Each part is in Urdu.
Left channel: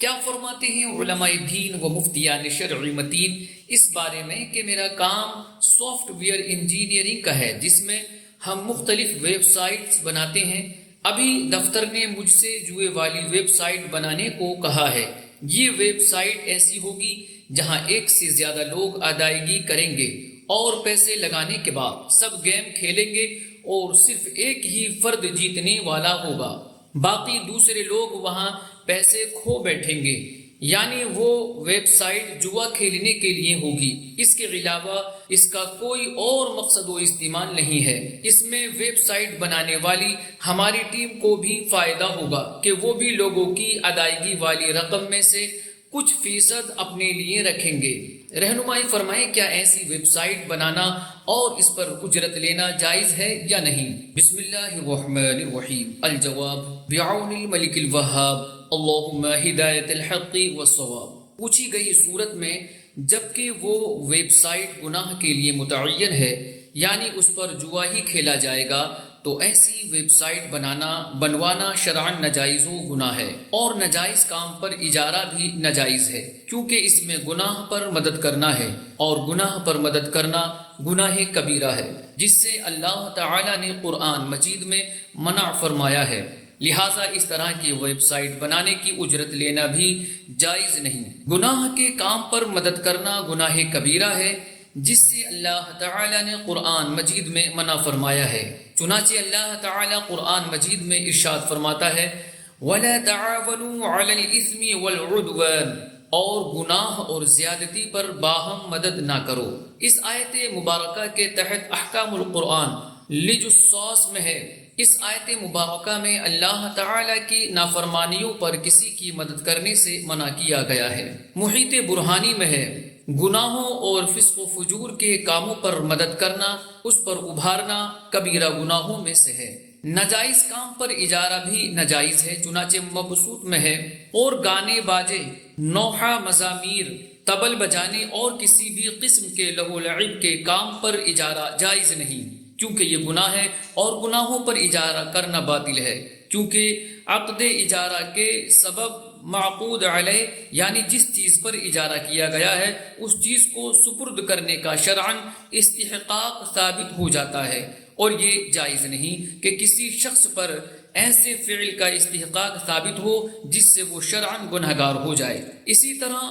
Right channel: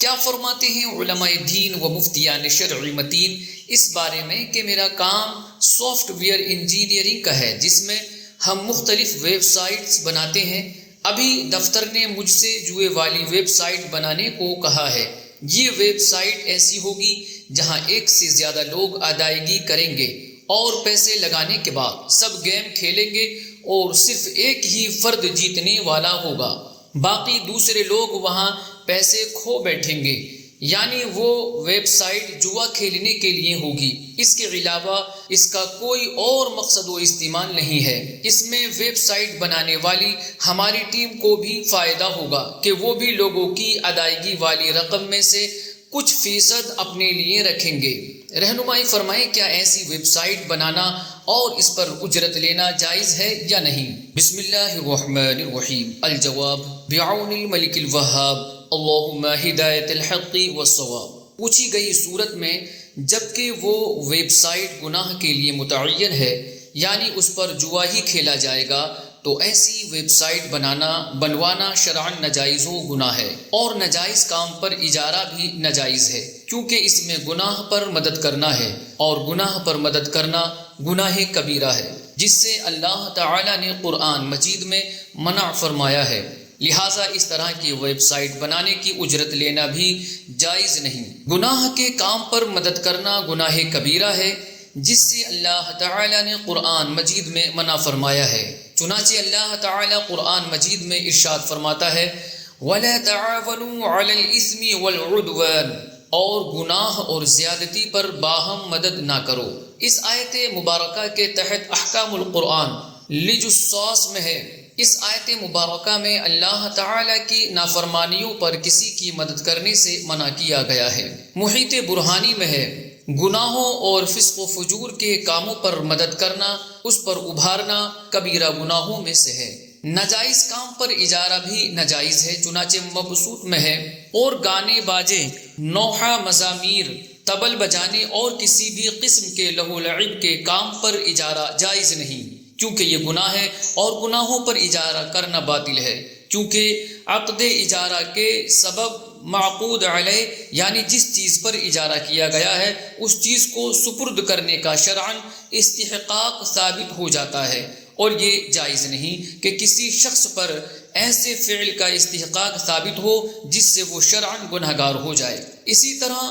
کیا فرماتے ہیں علماء دین و مفتیان شرعی متین اس بارے میں کہ میرا کام سافٹ ویئر انجینئرنگ کا ہے، جس میں ہم مختلف ویب سائٹس بناتے ہیں۔ ابھی دفتر نے مجھ سے جوئے والی ویب سائٹ بنانے کو کہا ہے۔ یہ ویب سائٹ ایسی ہوگی جہاں ایک سے زیادہ لوگ ادائیگی کریں گے اور پیسے لگانے کے بعد سب گیم کھیلیں گے اور صرف ایک ہی فرد جیتنے والا ہوگا، باقی دوسرے لوگ وہاں پیسے کھو بیٹھیں گے۔ یعنی وہ ویب سائٹ جوا کھیلنے کے لیے ہوگی، اس کے علاوہ اس کا کوئی اور مقصد و استعمال نہیں ہے۔ اس میں ویب سائٹ بنانے والی ہماری ٹیم کو بھی فائدہ ہوگا کہ وہ بھی لوگوں کی ادائیگی والی رقم میں سے کچھ فیصد اپنے لیے رکھیں گے۔ رہنمائی فرمائیں، کیا ایسی ویب سائٹ بنانا اور اس پر اجرت لینا جائز ہے یا نہیں؟ بسم اللہ الرحمن الرحیم۔ الجواب بعون الملک الوہاب، اللہم ہدایت الحق والصواب۔ پوچھی گئی صورت میں جبکہ وہ ویب سائٹ گناہ کے لیے متعین ہے، یعنی اس پر جوا ہی کھیلا جائے گا، تو ایسی ویب سائٹ بنوانا شرعاً ناجائز و گناہ ہے، اور ناجائز کام پر اجارہ بھی ناجائز ہے، کیونکہ اس میں گناہ پر مدد کرنا ہے، اور گناہ پر مدد کرنا گناہ کبیرہ ہے، جس سے اللہ تعالی نے قرآن مجید میں منع فرمایا ہے۔ لہٰذا اس طرح کی ویب سائٹ بنانے کی اجرت لینا بھی جائز نہیں۔ گناہ کے کام پر مدد کرنا گناہ کبیرہ ہے، جس سے اللہ تعالی نے قرآن مجید میں منع فرمایا ہے۔ چنانچہ اللہ تعالی قرآن مجید میں ارشاد فرماتا ہے، وَلَا تَعَاوَنُوا عَلَى الْإِثْمِ وَالْعُدْوَانِ، اور گناہ اور زیادتی پر باہم مدد نہ کرو۔ اس آیت مبارکہ کے تحت احکام القرآن لجساس میں ہے۔ اس آیت مبارکہ میں اللہ تعالی کی نافرمانیوں پر کسی کی مدد کرنے سے منع کیا گیا ہے۔ محیط برہانی میں ہے، گناہوں اور فسق و فجور کے کاموں پر مدد کرنا، اس پر ابھارنا کبیرہ گناہوں میں سے ہے۔ ناجائز کام پر اجارہ بھی ناجائز ہے، چنانچہ مبسوط میں ہے، اور گانے باجے، نوحہ، مزامیر، طبل بجانے اور کسی بھی قسم کے لہو و لعب کے کام پر اجارہ جائز نہیں، کیونکہ یہ گناہ ہے، اور گناہوں پر اجارہ کرنا باطل ہے، کیونکہ عقد اجارہ کے سبب معقود علیہ، یعنی جس چیز پر اجارہ کیا گیا ہے اس چیز کو سپرد کرنے کا شرعاً استحقاق ثابت ہو جاتا ہے، اور یہ جائز نہیں کہ کسی شخص پر ایسے فعل کا استحقاق ثابت ہو جس سے وہ شرعاً گنہگار ہو جائے۔ اسی طرح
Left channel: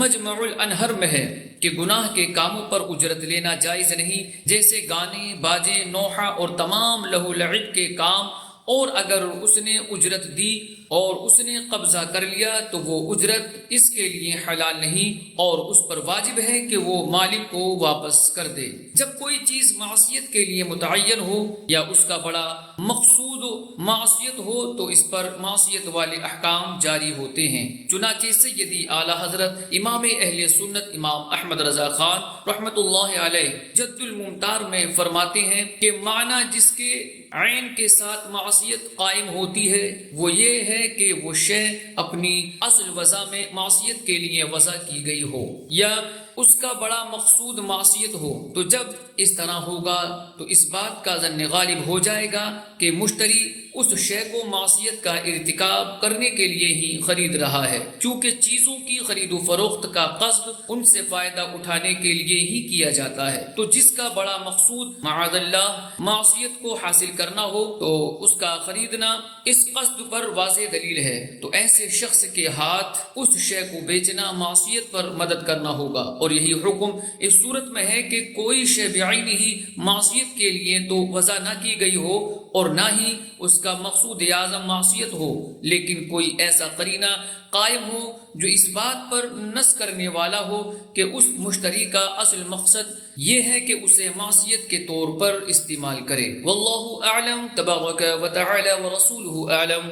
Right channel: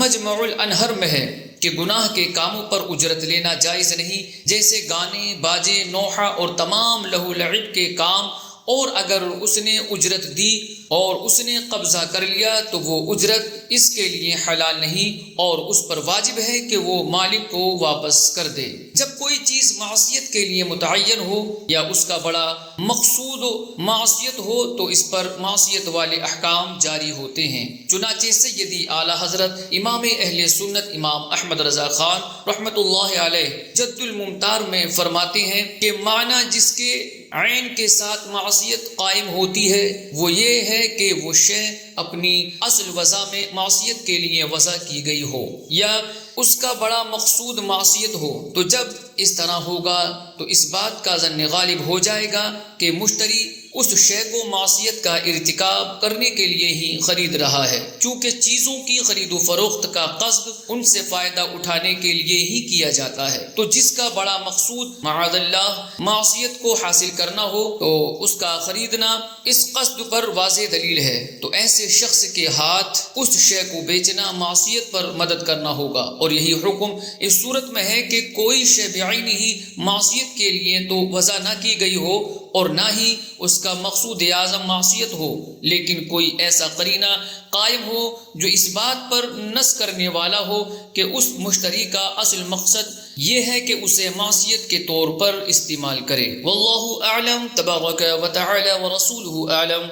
مجمع الانہر میں ہے کہ گناہ کے کاموں پر اجرت لینا جائز نہیں، جیسے گانے باجے، نوحہ اور تمام لہو لعب کے کام، اور اگر اس نے اجرت دی اور اس نے قبضہ کر لیا تو وہ اجرت اس کے لیے حلال نہیں، اور اس پر واجب ہے کہ وہ مالک کو واپس کر دے۔ جب کوئی چیز معصیت کے لیے متعین ہو یا اس کا بڑا مقصود معصیت ہو تو اس پر معصیت والے احکام جاری ہوتے ہیں۔ چنانچہ سیدی اعلیٰ حضرت امام اہل سنت امام احمد رضا خان رحمۃ اللہ علیہ جد الممتار میں فرماتے ہیں کہ معنی جس کے عین کے ساتھ معصیت قائم ہوتی ہے وہ یہ ہے کہ وہ شے اپنی اصل وضع میں معصیت کے لیے وضع کی گئی ہو، یا اس کا بڑا مقصود معصیت ہو۔ تو جب اس طرح ہوگا تو اس بات کا ظن غالب ہو جائے گا کہ مشتری اس شے کو معصیت کا ارتکاب کرنے کے لیے ہی خرید رہا ہے، کیونکہ چیزوں کی خرید و فروخت کا قصد ان سے فائدہ اٹھانے کے لیے ہی کیا جاتا ہے۔ تو جس کا بڑا مقصود معاذ اللہ معصیت کو حاصل کرنا ہو تو اس کا خریدنا اس قصد پر واضح دلیل ہے، تو ایسے شخص کے ہاتھ اس شے کو بیچنا معصیت پر مدد کرنا ہوگا۔ اور یہی حکم اس صورت میں ہے کہ کوئی شے بعینہ ہی معصیت کے لیے تو وضع نہ کی گئی ہو اور نہ ہی اس کا مقصود اعظم معصیت ہو، لیکن کوئی ایسا قرینہ قائم ہو جو اس بات پر نص کرنے والا ہو کہ اس مشتری کا اصل مقصد یہ ہے کہ اسے معصیت کے طور پر استعمال کرے۔ واللہ اعلم، تبارک و تعالی و رسولہ اعلم۔